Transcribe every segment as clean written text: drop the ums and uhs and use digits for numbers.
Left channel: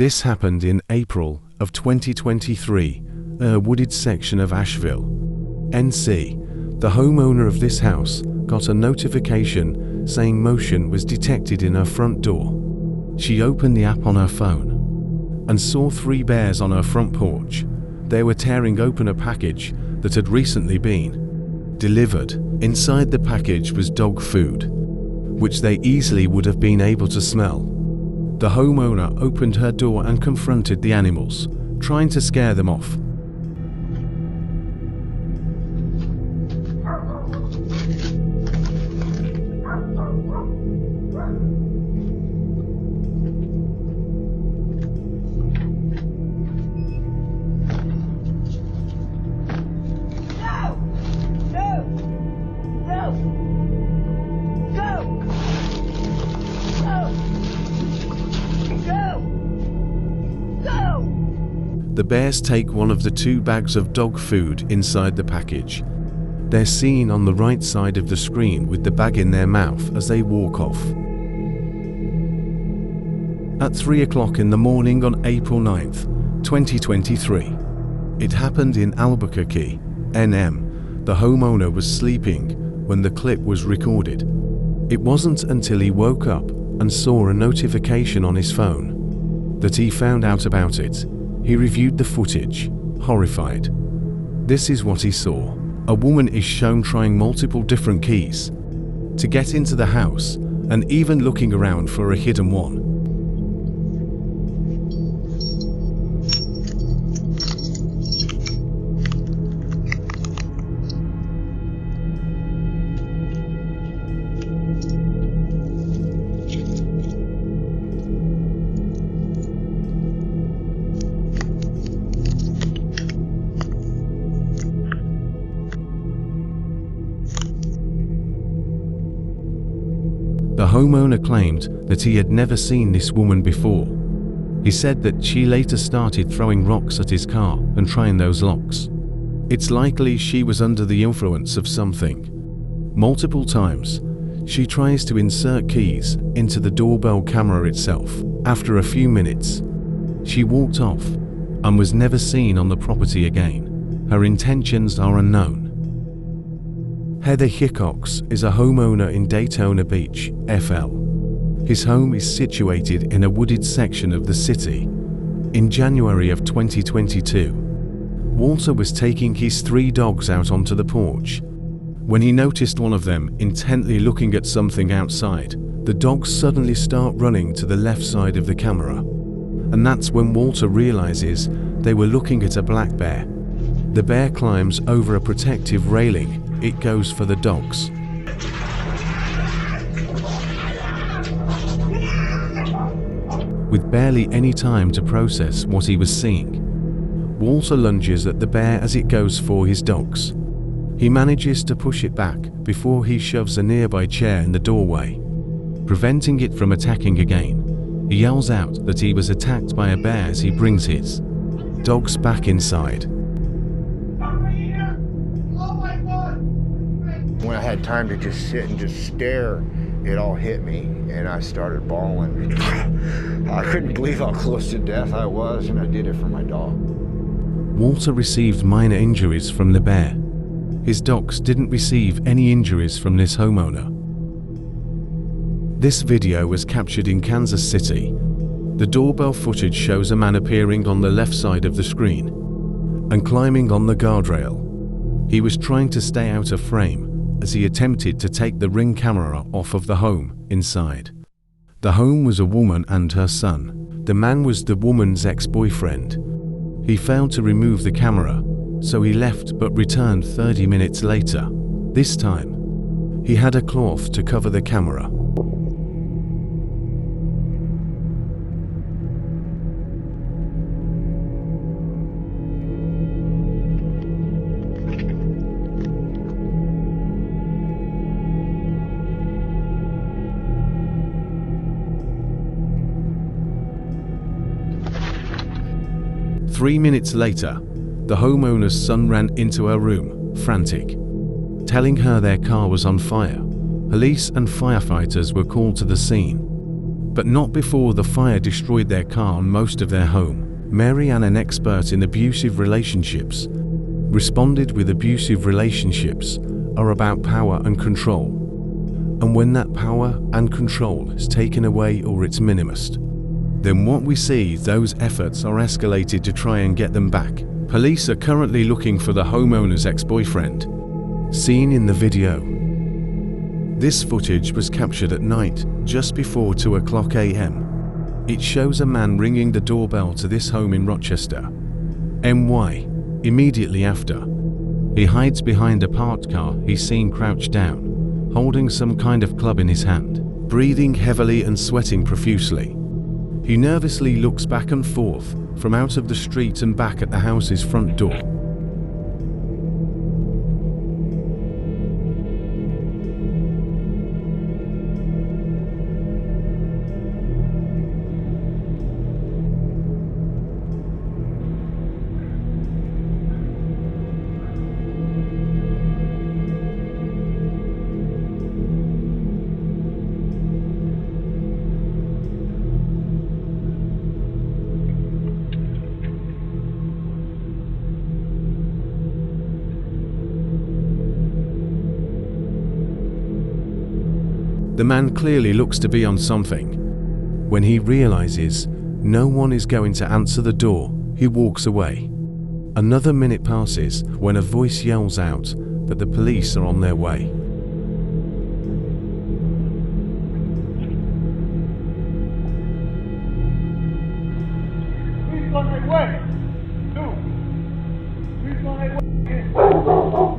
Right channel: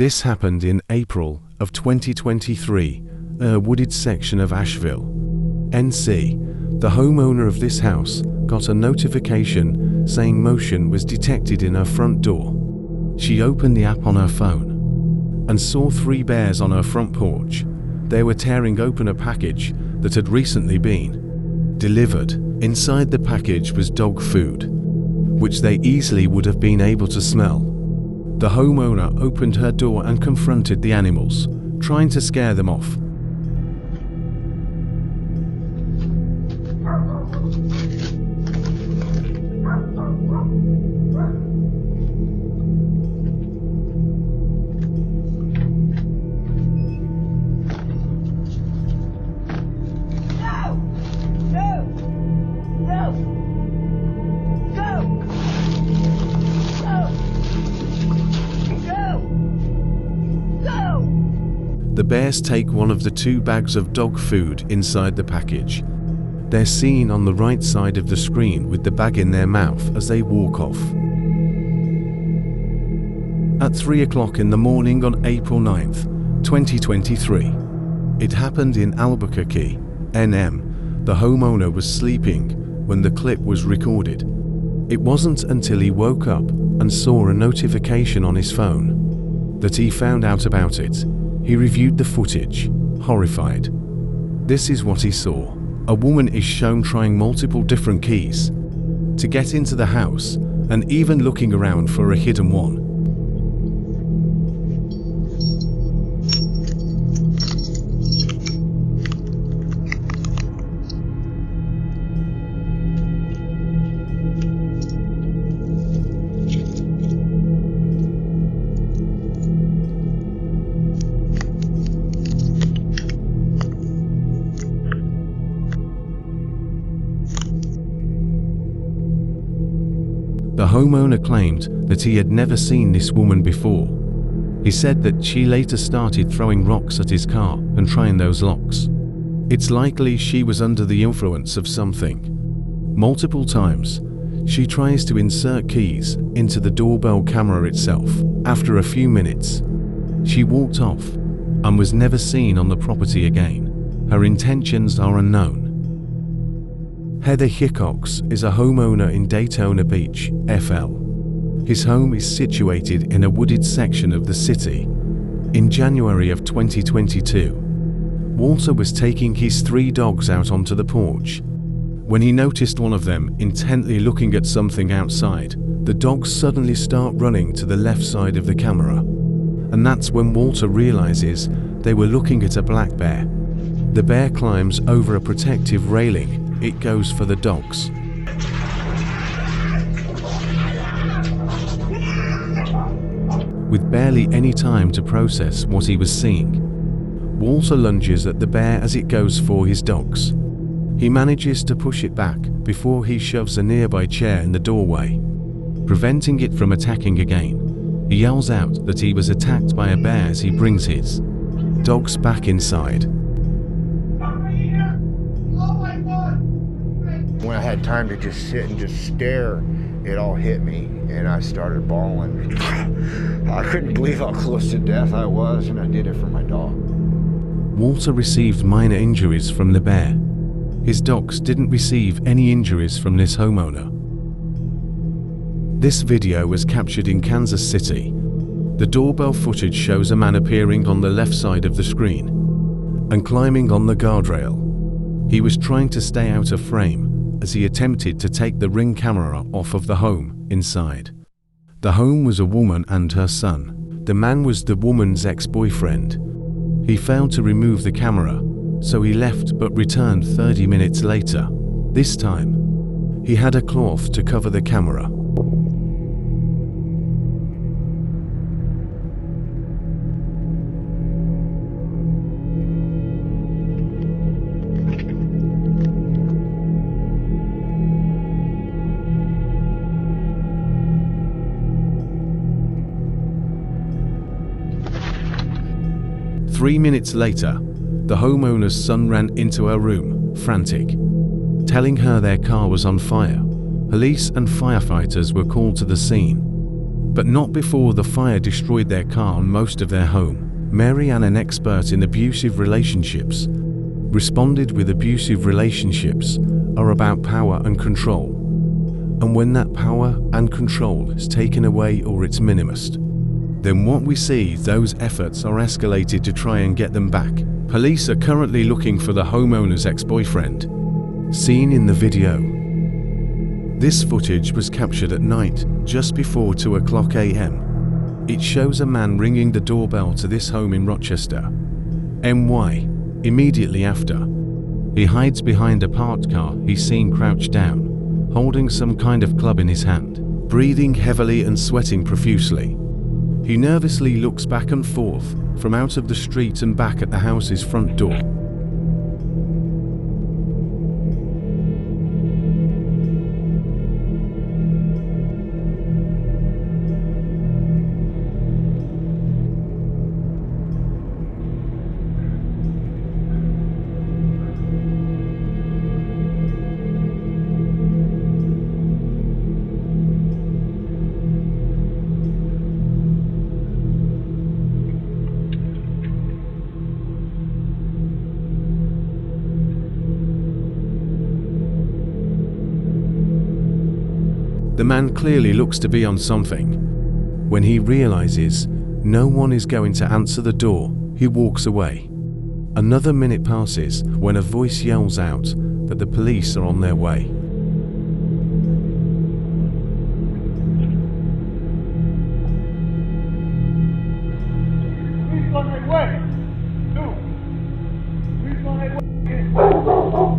This happened in April of 2023, in a wooded section of Asheville, NC. The homeowner of this house got a notification saying motion was detected in her front door. She opened the app on her phone and saw 3 bears on her front porch. They were tearing open a package that had recently been delivered. Inside the package was dog food, which they easily would have been able to smell. The homeowner opened her door and confronted the animals, trying to scare them off. The bears take one of the 2 bags of dog food inside the package. They're seen on the right side of the screen with the bag in their mouth as they walk off. At 3 o'clock in the morning on April 9th, 2023. It happened in Albuquerque, NM. The homeowner was sleeping when the clip was recorded. It wasn't until he woke up and saw a notification on his phone that he found out about it. He reviewed the footage, horrified. This is what he saw. A woman is shown trying multiple different keys to get into the house and even looking around for a hidden one. The homeowner claimed that he had never seen this woman before. He said that she later started throwing rocks at his car and trying those locks. It's likely she was under the influence of something. Multiple times, she tries to insert keys into the doorbell camera itself. After a few minutes, she walked off and was never seen on the property again. Her intentions are unknown. Heather Hickox is a homeowner in Daytona Beach, FL. His home is situated in a wooded section of the city. In January of 2022, Walter was taking his 3 dogs out onto the porch. When he noticed one of them intently looking at something outside, the dogs suddenly start running to the left side of the camera. And that's when Walter realizes they were looking at a black bear. The bear climbs over a protective railing. It goes for the dogs. With barely any time to process what he was seeing, Walter lunges at the bear as it goes for his dogs. He manages to push it back before he shoves a nearby chair in the doorway, preventing it from attacking again. He yells out that he was attacked by a bear as he brings his dogs back inside. When I had time to just sit and just stare, it all hit me and I started bawling. I couldn't believe how close to death I was, and I did it for my dog. Walter received minor injuries from the bear. His dogs didn't receive any injuries from this homeowner. This video was captured in Kansas City. The doorbell footage shows a man appearing on the left side of the screen and climbing on the guardrail. He was trying to stay out of frame as he attempted to take the Ring camera off of the home inside. The home was a woman and her son. The man was the woman's ex-boyfriend. He failed to remove the camera, so he left but returned 30 minutes later. This time, he had a cloth to cover the camera. Three minutes later, the homeowner's son ran into her room, frantic, telling her their car was on fire. Police and firefighters were called to the scene. but not before the fire destroyed their car and most of their home. Mary Ann, an expert in abusive relationships, responded with abusive relationships are about power and control. And when that power and control is taken away or it's minimized, then what we see, those efforts are escalated to try and get them back. Police are currently looking for the homeowner's ex-boyfriend, seen in the video. This footage was captured at night, just before 2:00 a.m. It shows a man ringing the doorbell to this home in Rochester, NY. Immediately after, he hides behind a parked car he's seen crouched down, holding some kind of club in his hand, breathing heavily and sweating profusely. He nervously looks back and forth from out of the street and back at the house's front door. The man clearly looks to be on something. When he realizes no one is going to answer the door, he walks away. Another minute passes when a voice yells out that the police are on their way.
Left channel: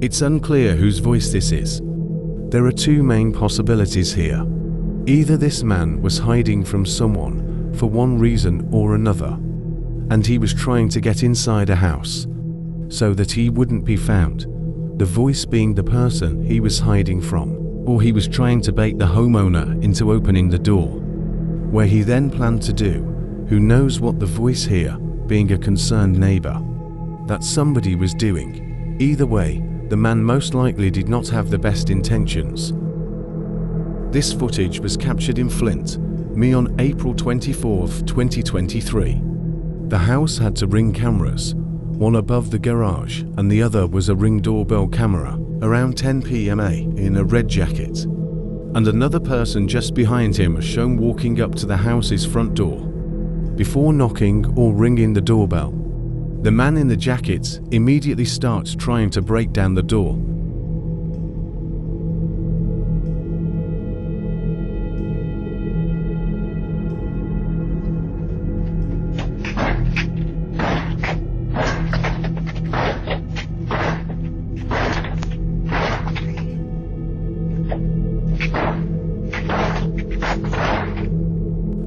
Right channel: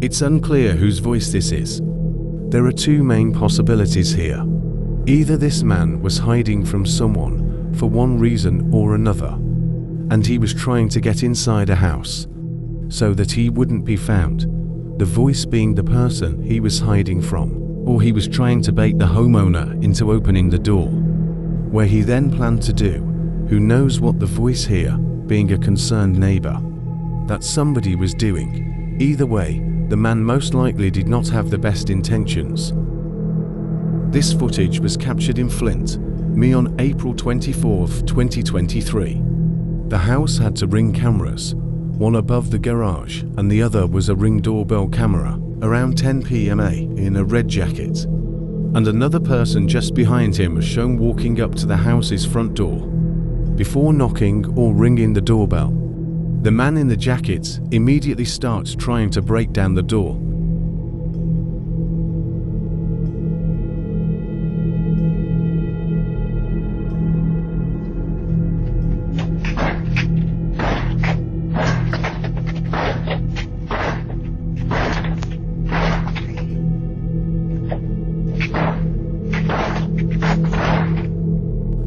It's unclear whose voice this is. There are two main possibilities here. Either this man was hiding from someone for one reason or another, and he was trying to get inside a house so that he wouldn't be found, the voice being the person he was hiding from, or he was trying to bait the homeowner into opening the door, where he then planned to do, who knows what the voice here, being a concerned neighbor, that somebody was doing. Either way, the man most likely did not have the best intentions. This footage was captured in Flint, MI on April 24, 2023. The house had two Ring cameras, one above the garage and the other was a Ring doorbell camera, around 10 p.m. in a red jacket. And another person just behind him was shown walking up to the house's front door. Before knocking or ringing the doorbell, the man in the jacket immediately starts trying to break down the door.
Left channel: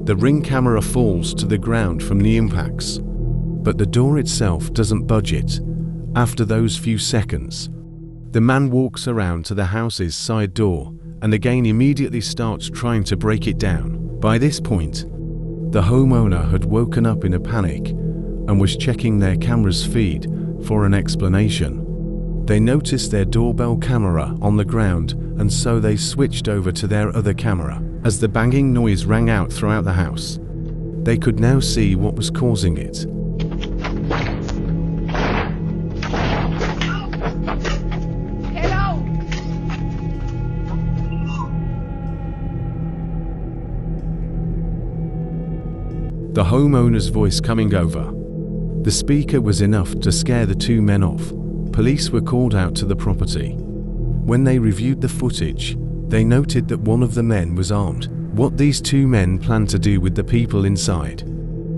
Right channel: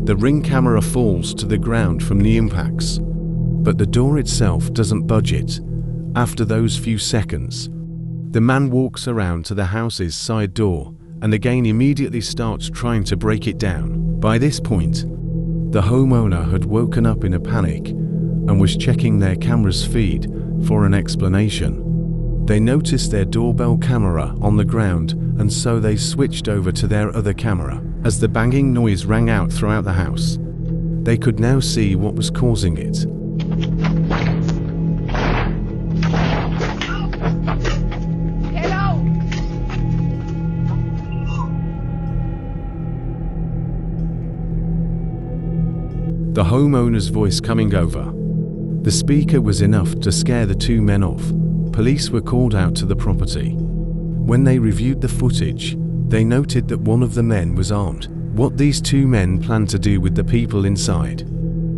The Ring camera falls to the ground from the impacts, but the door itself doesn't budge it. After those few seconds, the man walks around to the house's side door and again immediately starts trying to break it down. By this point, the homeowner had woken up in a panic and was checking their camera's feed for an explanation. They noticed their doorbell camera on the ground, and so they switched over to their other camera. As the banging noise rang out throughout the house, they could now see what was causing it. The homeowner's voice coming over the speaker was enough to scare the two men off. Police were called out to the property. When they reviewed the footage, they noted that one of the men was armed. What these two men planned to do with the people inside,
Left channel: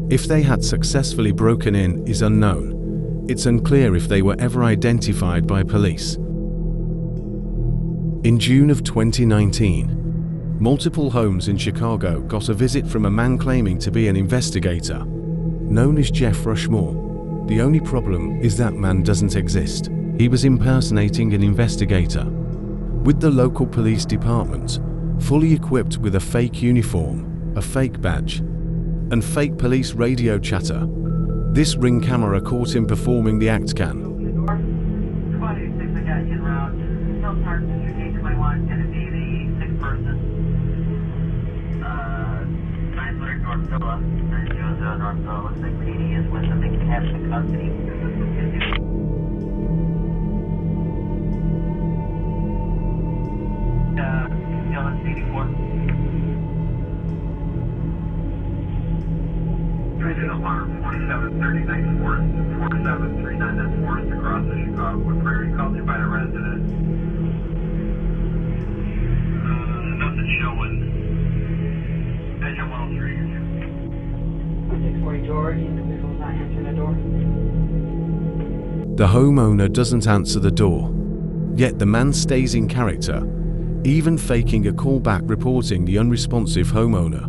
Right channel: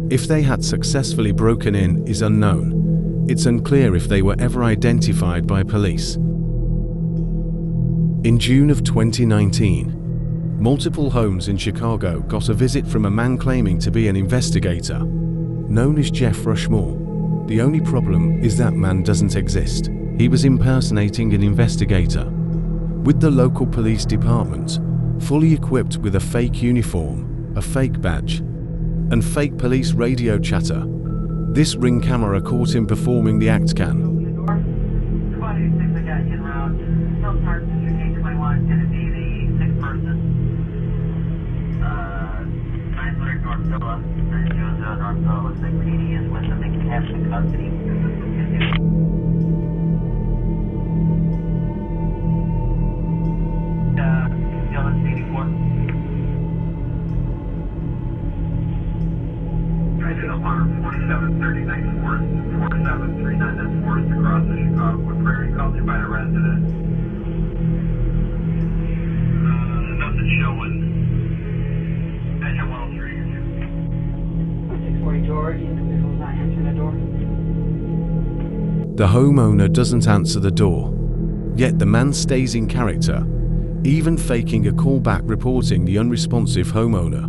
if they had successfully broken in, is unknown. It's unclear if they were ever identified by police. In June of 2019, multiple homes in Chicago got a visit from a man claiming to be an investigator, known as Jeff Rushmore. The only problem is that man doesn't exist. He was impersonating an investigator with the local police department, fully equipped with a fake uniform, a fake badge, and fake police radio chatter. This Ring camera caught him performing the act. North Villa. 300 North Villa. Looks like PD is with them. They can have some custody. Dylan, CD4. Alarm 4739 Forest, 4739 Forest across the Chicago Prairie, called in by a resident. Nothing showing. Engine 103. 640 George, the individual not answering the door. The homeowner doesn't answer the door, yet the man stays in character, even faking a callback reporting the unresponsive homeowner.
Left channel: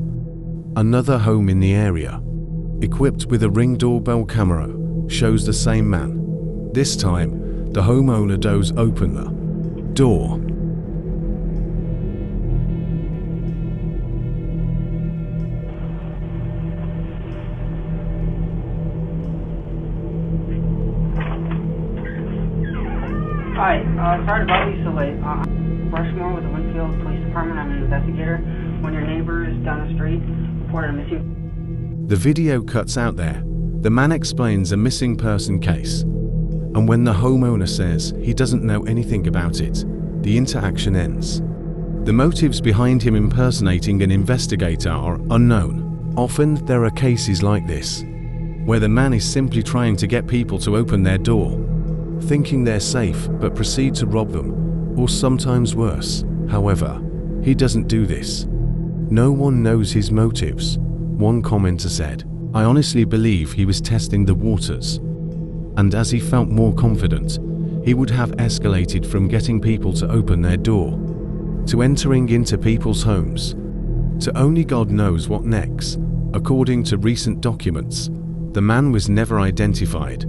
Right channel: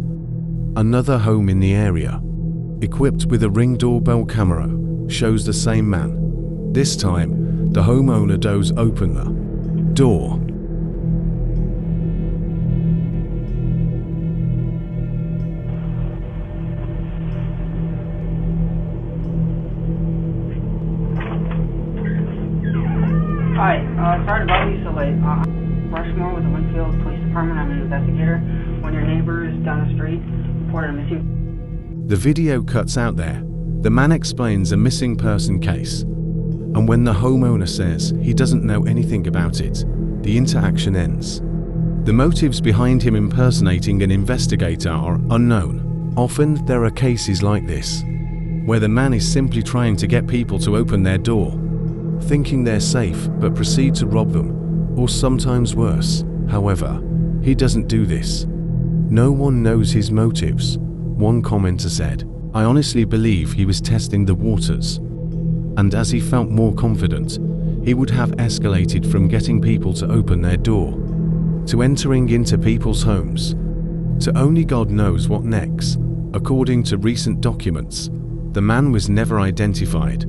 Another home in the area, equipped with a Ring doorbell camera, shows the same man. This time, the homeowner does open the door. Hi, sorry to bother you so late. Rushmore with the Winfield Police Department. I'm an investigator. One of your neighbors down the street reported a missing. The video cuts out there. The man explains a missing person case. And when the homeowner says he doesn't know anything about it, the interaction ends. The motives behind him impersonating an investigator are unknown. Often there are cases like this, where the man is simply trying to get people to open their door, thinking they're safe but proceed to rob them, or sometimes worse. However, he doesn't do this. No one knows his motives. One commenter said, "I honestly believe he was testing the waters, and as he felt more confident, he would have escalated from getting people to open their door, to entering into people's homes, to only God knows what next." According to recent documents, the man was never identified,